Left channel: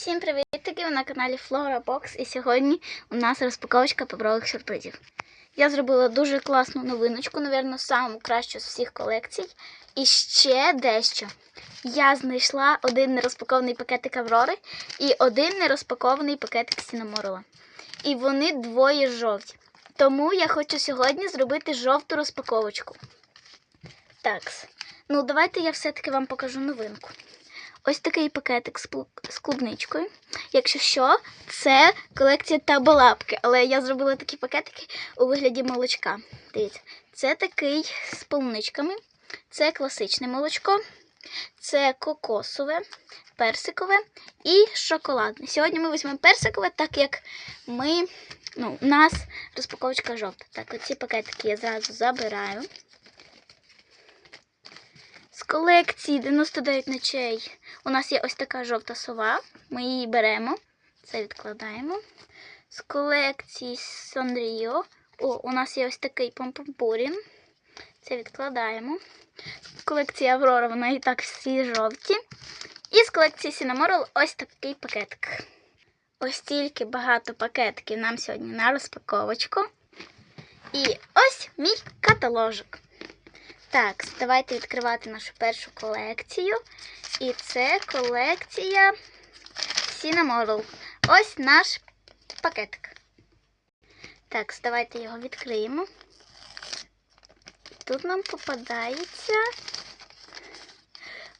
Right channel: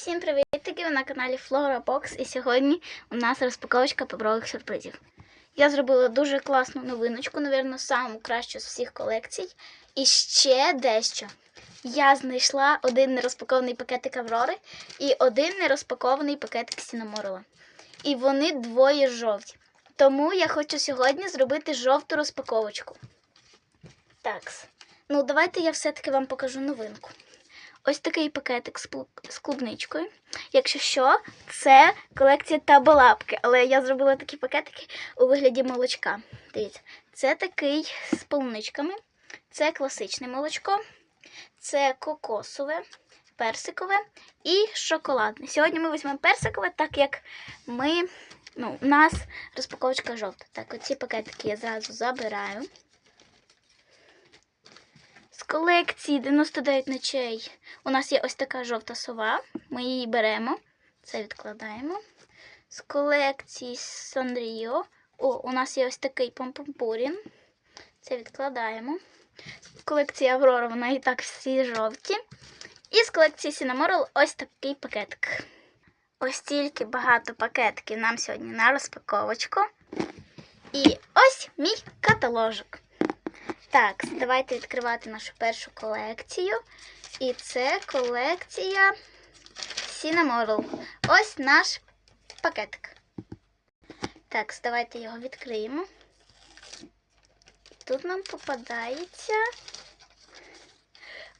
Всім привітки! Ви на каналі Flora Box і сьогодні у нас розпаковочка паперових сюрпризів. Я зробила дуже класну новиночку, напевно, саму кращу з всіх колекцій. І ще дещо. Я знайшла один нерозпакований пакетик Аврори і один нерозпакований пакетик Сінаморела. І вони двоє жовті. Тому я хочу сьогодні зробити жовту розпаковочку. Так, ну давайте я все-таки вам покажу новинку. Ось такий пакетик з клубничкою. Якщо що, це колекція табалапки, але я зробила такі пакетики у вигляді молочка. Дивіться, це такий з полуничками, це класичне молочко, це кокосове, персикове і шоколадне. Сьогодні ми візьмемо персикове, так як ми, ну, у нас розпаковочка жовта. Так, оці пакетики я зразу забираю. З колекції 99 ночей у нас є ось така жовта сова. Ми її беремо. Це відкладаємо. З колекції Сандріо. О, у нас є ось такий помпомпурін. Це відкладаємо. З колекції Аврора вона і так всі жовті. І з колекції Сінаморел ось такий пакетик. Ось тільки багато пакетиків нам сьогодні на розпаковочку. І ось мій каталожок. Так, давайте відкривати нашу першу колекцію. І це колекція Cinnamoroll. Ось наш пакетик. Так, давайте його відкриємо. Тут нам попадається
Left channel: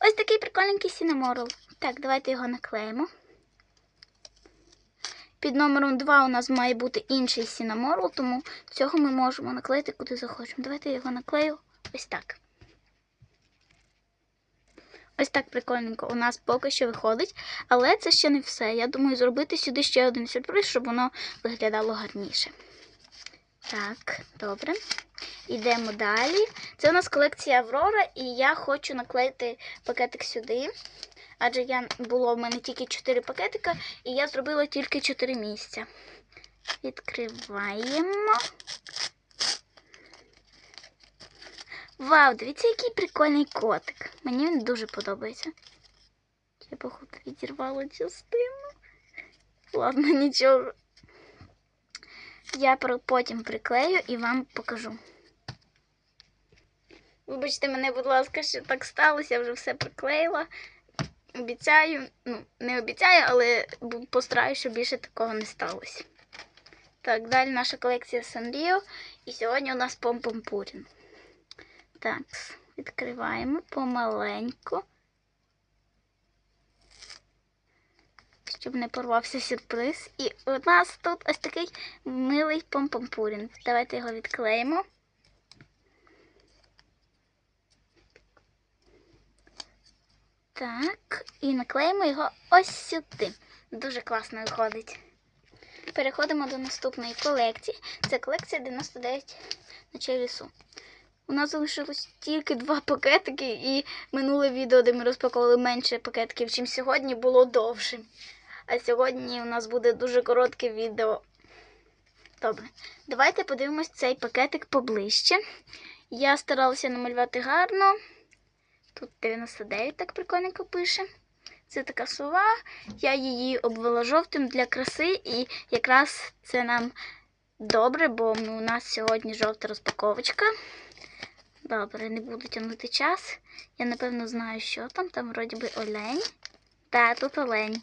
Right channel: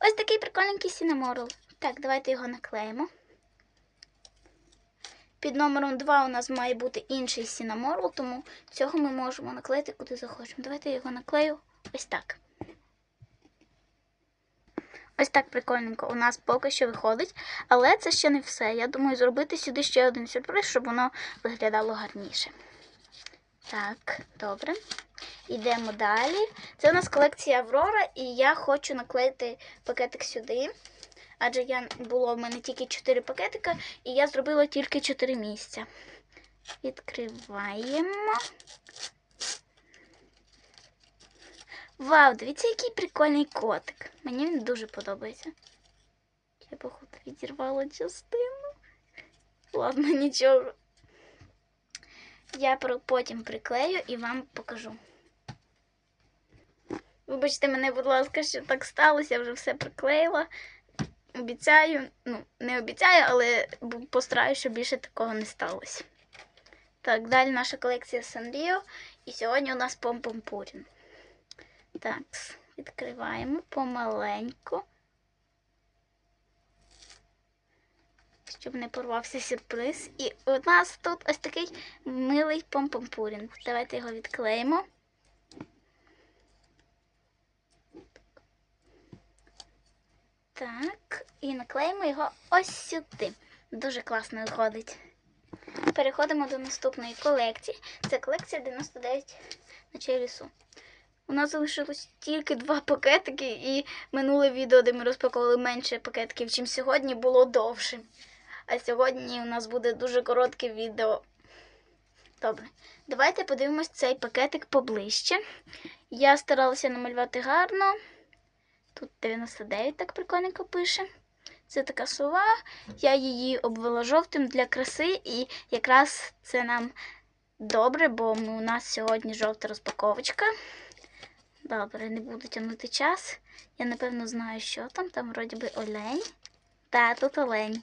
ось такий прикольненький Cinnamoroll. Так, давайте його наклеїмо. Під номером 2 у нас має бути інший Cinnamoroll, тому цього ми можемо наклеїти куди захочемо. Давайте я його наклею ось так. Ось так прикольненько у нас поки що виходить, але це ще не все. Я думаю, зробити сюди ще один сюрприз, щоб воно виглядало гарніше. Так, добре. Йдемо далі. Це у нас колекція Аврора, і я хочу наклеїти пакетик сюди. Адже я було в мене тільки 4 пакетика, і я зробила тільки 4 місця. Відкриваємо. Вау, дивіться, який прикольний котик. Мені він дуже подобається. Я, походу, відірвала частину. Ладно, нічого. Я потім приклею і вам покажу. Вибачте мене, будь ласка, що так сталося, я вже все приклеїла. Обіцяю, ну, не обіцяю, але постараюсь, щоб більше такого не сталося. Так, далі наша колекція Санріо. І сьогодні у нас помпомпурін. Так, відкриваємо помаленьку. Щоб не порвався сюрприз. І у нас тут ось такий милий помпомпурін. Давайте його відклеїмо. Так, і наклеїмо його ось сюди. Дуже класно виходить. Переходимо до наступної колекції. Це колекція 99 ночей лісу. У нас залишилось тільки два пакетики, і минуле відео, де ми розпаковували менше пакетиків, чим сьогодні, було довше. А сьогодні у нас буде дуже коротке відео. Добре, давайте подивимось цей пакетик поближче. Я старалася намалювати гарно. Тут 99 так прикольненько пише. Це така сова. Я її обвела жовтим для краси, і якраз це нам добре, бо у нас сьогодні жовта розпаковочка. Добре, не буду тягнути час. Я напевно знаю, що там. Там вроді би олень. Так, тут олень.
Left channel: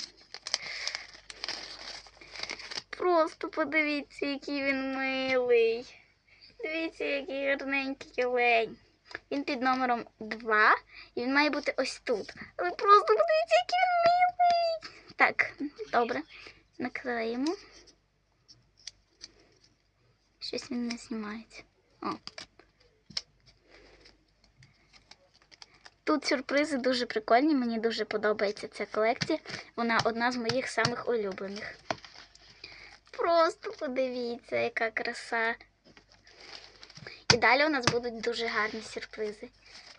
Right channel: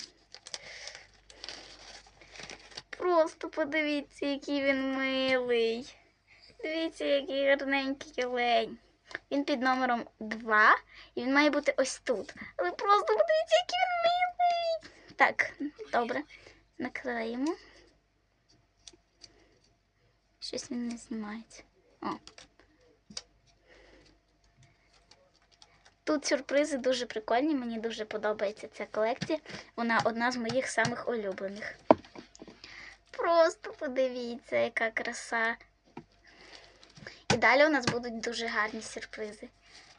Просто подивіться, який він милий. Дивіться, який гарненький олень. Він під номером 2 і він має бути ось тут. Але просто подивіться, який він милий. Так, добре. Наклеїмо. Щось він не знімається. О. Тут сюрпризи дуже прикольні, мені дуже подобається ця колекція. Вона одна з моїх самих улюблених. Просто подивіться, яка краса. І далі у нас будуть дуже гарні сюрпризи.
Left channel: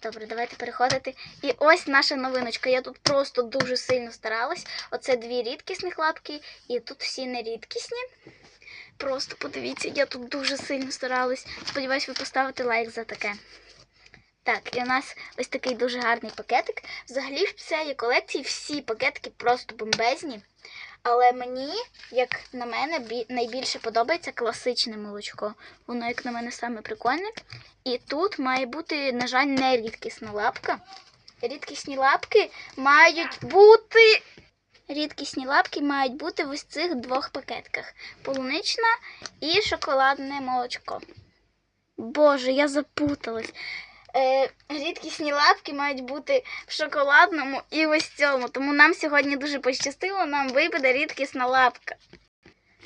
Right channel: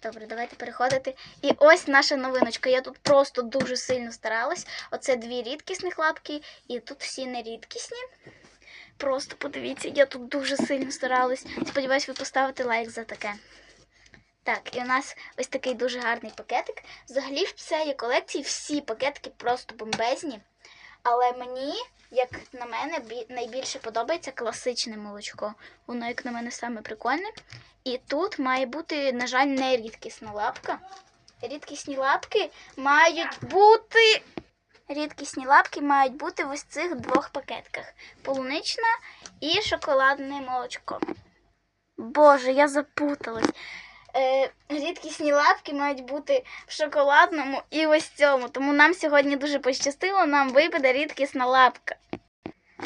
Добре, давайте переходити. І ось наша новиночка. Я тут просто дуже сильно старалась. Оце дві рідкісних лапки, і тут всі нерідкісні. Просто подивіться, я тут дуже сильно старалась. Сподіваюсь, ви поставите лайк за таке. Так, і у нас ось такий дуже гарний пакетик. Взагалі в цієї колекції всі пакетики просто бомбезні. Але мені, як на мене, найбільше подобається класичне молочко. Воно, як на мене, саме прикольне. І тут має бути, на жаль, не рідкісна лапка. Рідкісні лапки мають бути. Рідкісні лапки мають бути в ось цих двох пакетках: полунична і шоколадне молочко. Боже, я запуталась. Е, рідкісні лапки мають бути в шоколадному і ось цьому. Тому нам сьогодні дуже пощастило, нам випаде рідкісна лапка.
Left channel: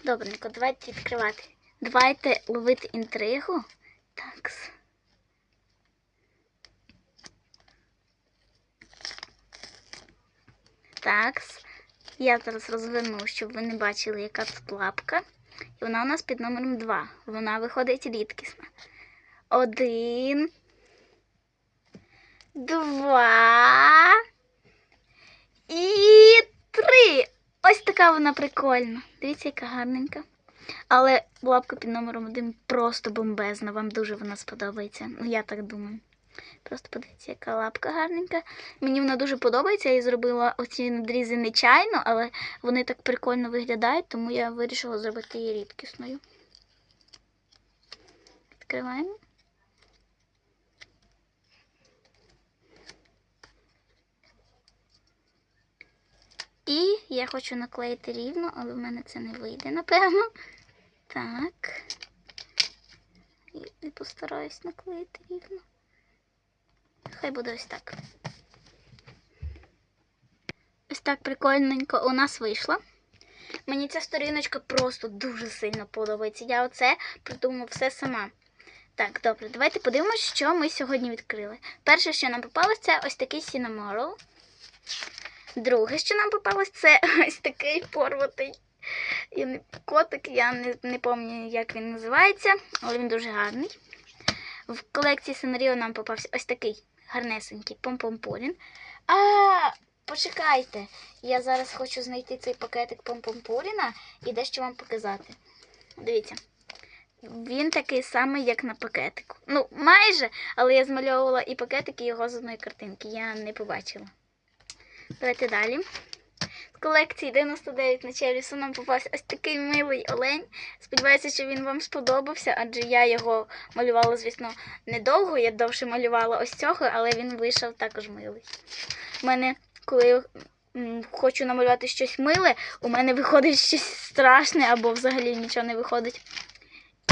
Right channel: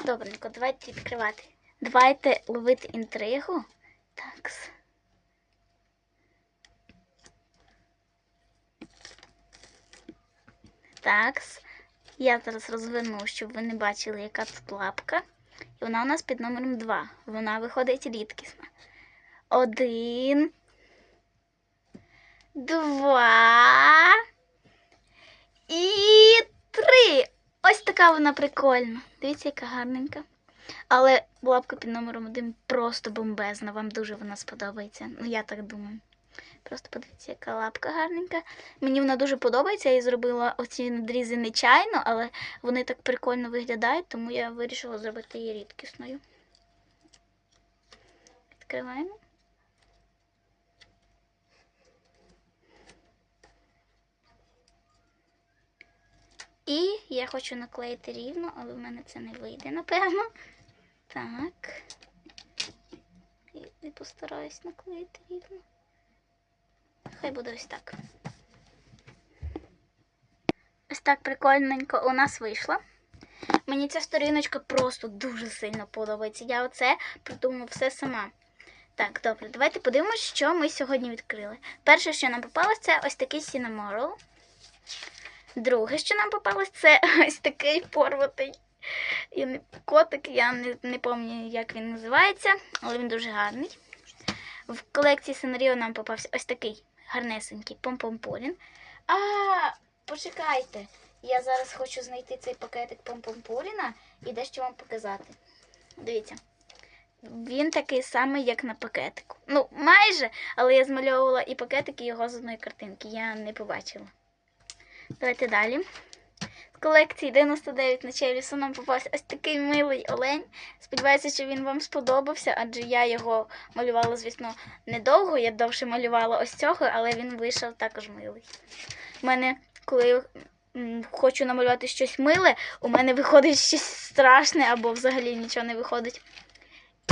Добренько, давайте відкривати. Давайте ловити інтригу. Так. Так. Я зараз розверну, щоб ви не бачили, яка тут лапка. І вона у нас під номером 2. Вона виходить рідкісна. Один. Два. І три. Ось така вона прикольна. Дивіться, яка гарненька. Але лапка під номером один просто бомбезна. Вам дуже вона сподобається. Ну, я так думаю. Просто подивіться, яка лапка гарненька. Мені вона дуже подобається. Я їй зробила оці надрізи нечайно, але вони так прикольно виглядають, тому я вирішила зробити її рідкісною. Відкриваємо. І я хочу наклеїти рівно, але в мене це не вийде, напевно. Так. І, постараюсь наклеїти рівно. Хай буде ось так. Ось так прикольненько у нас вийшло. Мені ця сторіночка просто дуже сильно подобається. Я оце придумала все сама. Так, добре, давайте подивимось, що ми сьогодні відкрили. Перше, що нам попалось, це ось такий Cinnamoroll. Друге, що нам попалось, це ось такий порватий котик. Я не, не пам'ятаю, як він називається, але він дуже гарний. В колекції Сенаріо нам попався ось такий гарнесенький помпомполін. А, почекайте. Я зараз хочу знайти цей пакетик помпомполіна і дещо вам показати. Дивіться. Він такий самий, як на пакетику. Ну, майже, але я змальовувала і пакетик, і його з одної картинки. Я не побачила. Давайте далі. З колекції 99 ночей лісу нам попався ось такий милий олень. Сподіваюся, що він вам сподобався, адже я його малювала, звісно, недовго. Я довше малювала ось цього, але він вийшов також милий. У мене, коли хочу намалювати щось миле, у мене виходить щось страшне або взагалі нічого не виходить.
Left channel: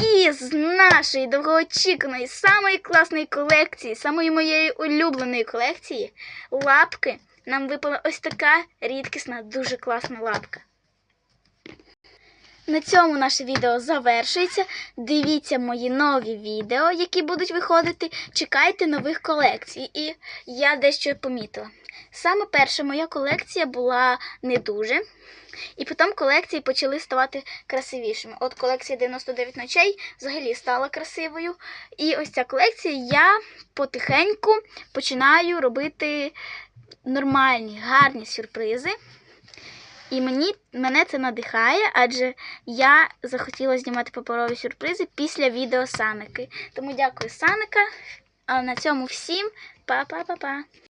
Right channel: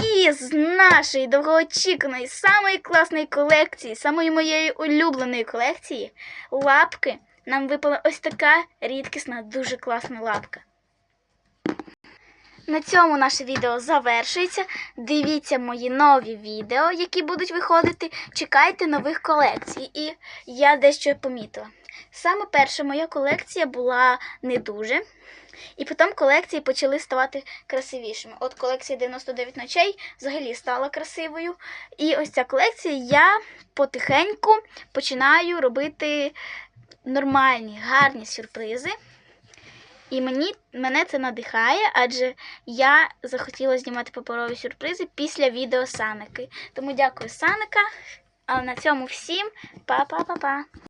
І з нашої довгоочікуваної, самої класної колекції, самої моєї улюбленої колекції, лапки, нам випала ось така рідкісна, дуже класна лапка. На цьому наше відео завершується. Дивіться мої нові відео, які будуть виходити. Чекайте нових колекцій. І я дещо помітила. Саме перша моя колекція була не дуже. І потім колекції почали ставати красивішими. От колекція 99 ночей взагалі стала красивою. І ось ця колекція я потихеньку починаю робити нормальні, гарні сюрпризи. І мені, мене це надихає, адже я захотіла знімати паперові сюрпризи після відео Саники. Тому дякую, Саника. А на цьому всім па-па-па-па.